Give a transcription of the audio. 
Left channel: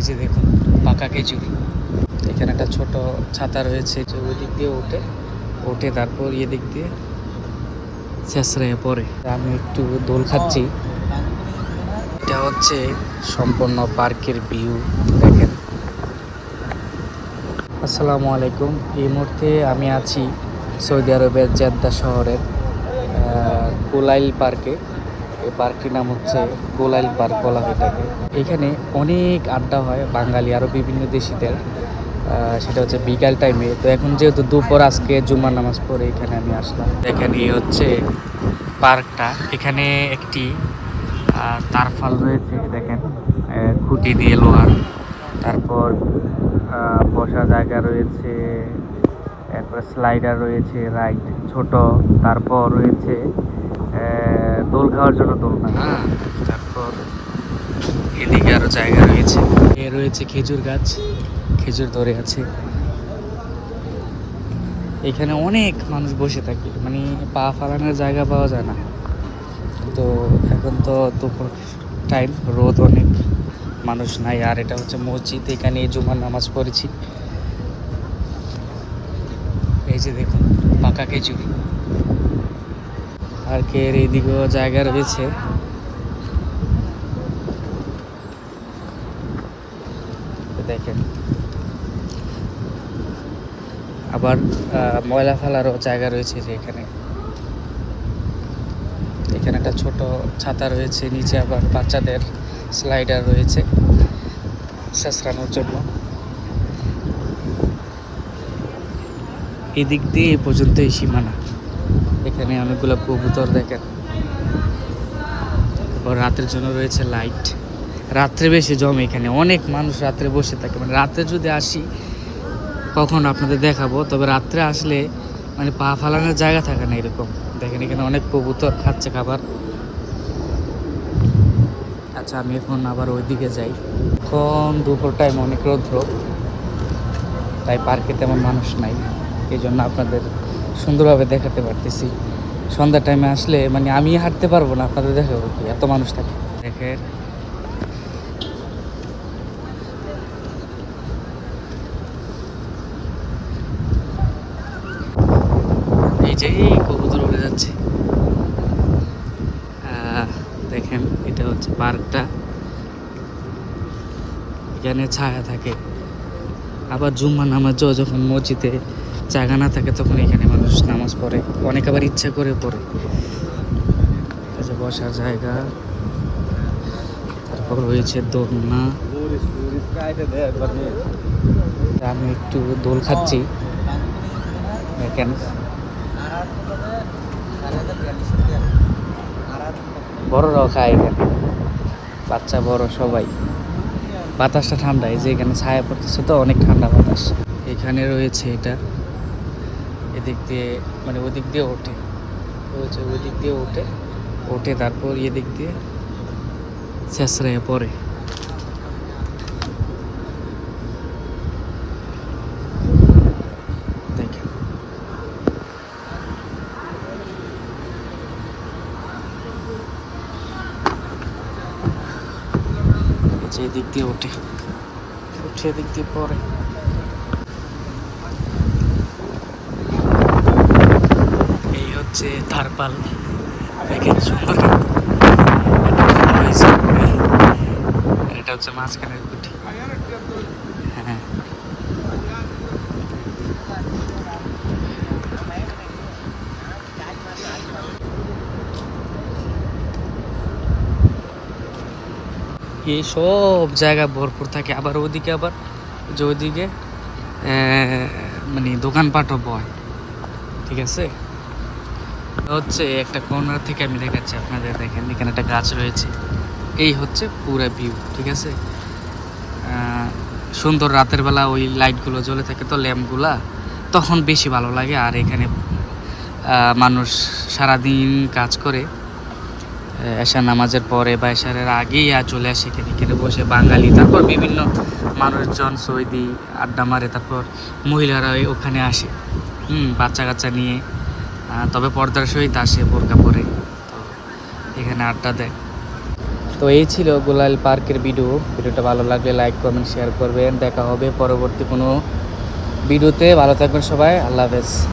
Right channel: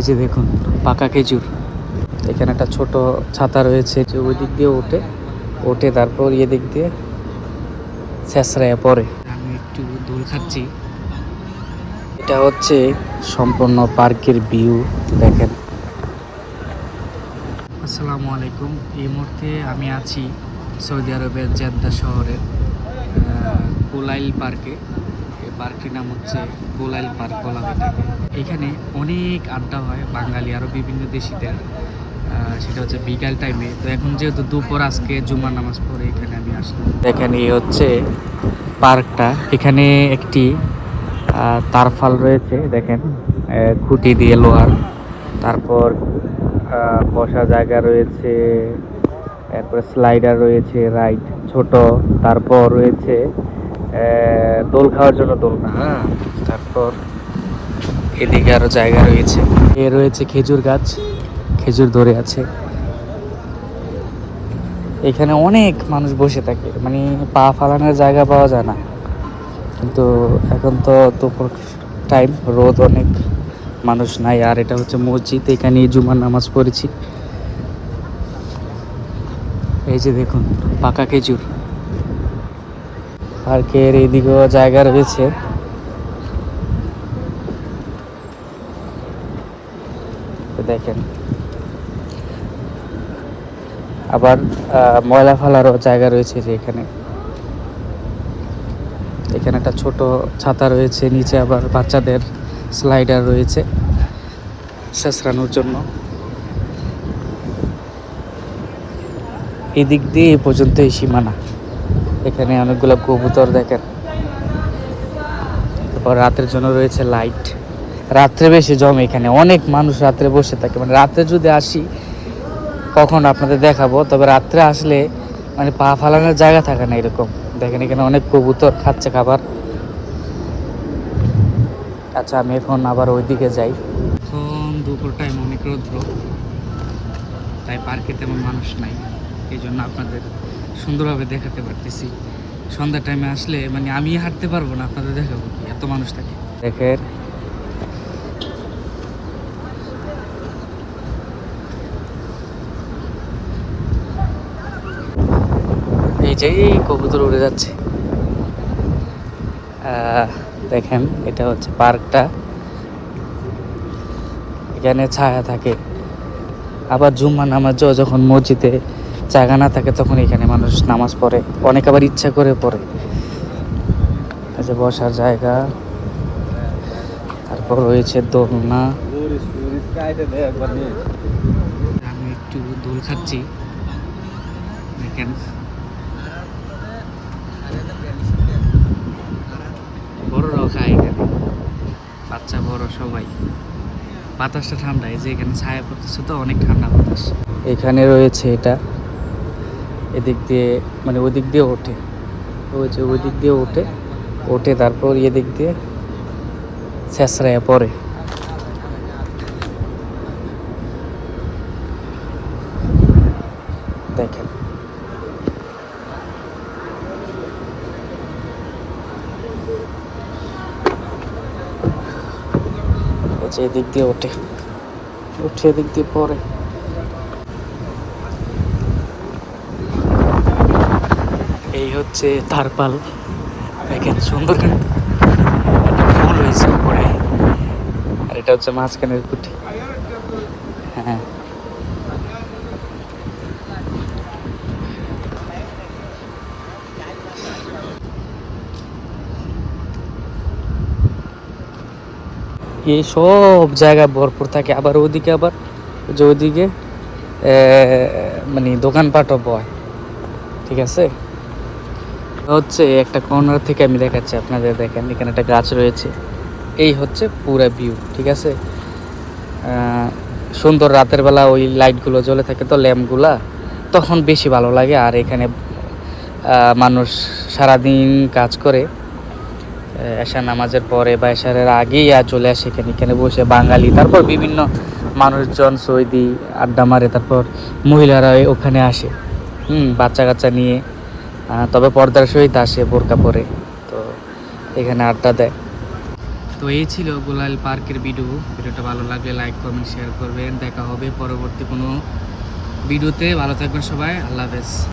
এই যে দেখুন পাকা খেজুর। এখানে একটা ছোট ছাতা রয়েছে যে ওই দিক দিয়ে ওঠে ওঠে তারপর ইয়ে দিক দিয়ে শেষরায় পরে আমি একটু দোল খাচ্ছি। এটা হচ্ছে সম্পূর্ণ পার্কের ভিউ দেখেন। আসসালামু আলাইকুম। এই মুহূর্তে আমি আছি সৌদি আরবের জেদ্দা শহরের আহ, গোলাইল পার্কে। এই পার্কটির নাম হচ্ছে গোলাইল পার্ক বলা হয় এটাকে। এখানে অনেক আড্ডা হয়, বাঙালি আরও বিভিন্ন দেশিদের। সেটা হচ্ছে বিকাল টাইমে তো এখন যেহেতু দুপুর, আজকে জুমার নামাজ পড়ে এখানে আমি আসলাম। এখানে হচ্ছে পার্কটা। এখানে একটি তারফাল রয়েছে, দেখেন খুঁটি দিয়ে লোহার। তারপর বসার জায়গা রয়েছে, তারপর স্লাইডার রয়েছে রাইড ছোট। তারপর রয়েছে দোল খাওয়ার জন্য দোলনা হ্যাঁ তারপর এদিকে আরও জায়গা রয়েছে। এ রয়েছে খেজুর গাছ খেজুর ধরে আছে। এখানে অনেক মানুষ বসে থাকে মানে পা ফালানোর জায়গা পাওয়া যায় না। কিন্তু এখন তো দুপুর টাইম রোদ অনেক মানুষ নাই। আর এটা হচ্ছে মসজিদ এখানে জুমার নামাজ পড়েছি। এই যে দেখুন পাকা খেজুর। পার্কের এইদিকেও জায়গা রয়েছে। দেখেন। আবার ময়লা ফেলারও জায়গা রয়েছে যে এখানে। এখানে একটা ছোট ছাতা রয়েছে, নিচে আবার বাচ্চাদের স্লাইডার রয়েছে শেষরানোর জন্য। এদিক দিয়ে এ পর্যন্ত সীমানা। এখানে অনেকগুলো কবুতর দেখেন। তারপর রাতের জন্য রয়েছে লাইট। রাত্রে বেশি জমে এখানে। অনেক মানুষ রাত্রে বসে থাকে। মানে রাত্রে যদি আসি, কখন আপনাদের দেখাবো, তবে রাত্রে আসলে মানে পা ফালানোর জায়গা থাকে না এরকম। দেখেন এখানে অনেক কবুতর খাচ্ছে খাবার। আচ্ছা আমি এখন আবার ওইদিকে যাই। এখন দুপুর টাইম অনেক রৌদ্র। তাই পার্কে তেমন মানুষ নাই। এই জন্য আপনাদের সুন্দরভাবে দেখাতে পারতেছি। সন্ধ্যা টাইমে আসলে মানে আমি হাঁটতে পারব না, আপনাদের দেখাবো কি? এত মানুষ থাকে। দেখেন। এই যে কবুতর উড়ে যাচ্ছে। দেখেন, এটা হচ্ছে পার্কটা। এখানে ছায়া থাকে। আবার জুম্মা নামাজও যখন মসজিদে জায়গা না থাকে তখন এখানে মানুষ নামাজ পড়ে। অনেক আবার ইচ্ছা করে পড়ে। যে বসার জায়গা, তারপর রয়েছে দোলনা। আমি একটু দোল খাচ্ছি। দেখেন। বড়রাও খায় এখানে। বাচ্চা, বড়, সবাই। বাতাসটা ঠান্ডা, এই যে এখানে ছায়া পড়তেছে তো, অনেক ঠান্ডা বাতাস। এখানে রয়েছে এটা। এদিক দিয়ে মানে ওদিক দিয়ে ওঠে। ওই যে ওই দিক দিয়ে ওঠে ওঠে তারপর এদিক দিয়ে শেষরায় পরে দেখেন। এদিক দিয়ে ওঠে, উঠে এদিক দিয়ে পরে এই হচ্ছে থারপাল দেখেন সুন্দর আর এটা হচ্ছে মাঝখানের কুটি হ্যাঁ। এই সব জায়গা ভরপুর থাকে। আবার ওদিকে আবার যে ওইদিকে এ, মানে দোকানপাটও বয়। ঠিক আছে? হচ্ছে একটা কর্নার থেকে আমি দেখাচ্ছি আপনাদের, দেখেন এখানে একটা গাছ রয়েছে। এই হচ্ছে পুরা ভিউ ঠিক আছে? সুন্দর রাতের বেলা ওই লাইটগুলো জ্বলে থাকে তো ল্যাম্পগুলা তখন বেশি ভালো লাগে। আর এখানে মানুষ সারাদিন কাজ করে এশা নামাজের পরে বা এশারের আগেই আর চলে আসে এখানে। এখানে বসে বাঙালি, তারপর বিভিন্ন মানুষজন, সৌদি আড্ডা মারে, তারপর মহিলারা ওখানে আসে। হুম বাচ্চা কাচ্চা নিয়ে তবে পর্দার সহিত আসে বোরকা পরে, তো এখানে আড্ডা দেয়। তো এই ছিল গোলাল পার্কের ভিডিও ভিডিওটা ভালো লাগলে লাইক কমেন্ট শেয়ার করবেন। দেখা হবে পরবর্তী কোনো ভিডিওতে ভালো থাকবেন সবাই। আল্লাহ হাফেজ।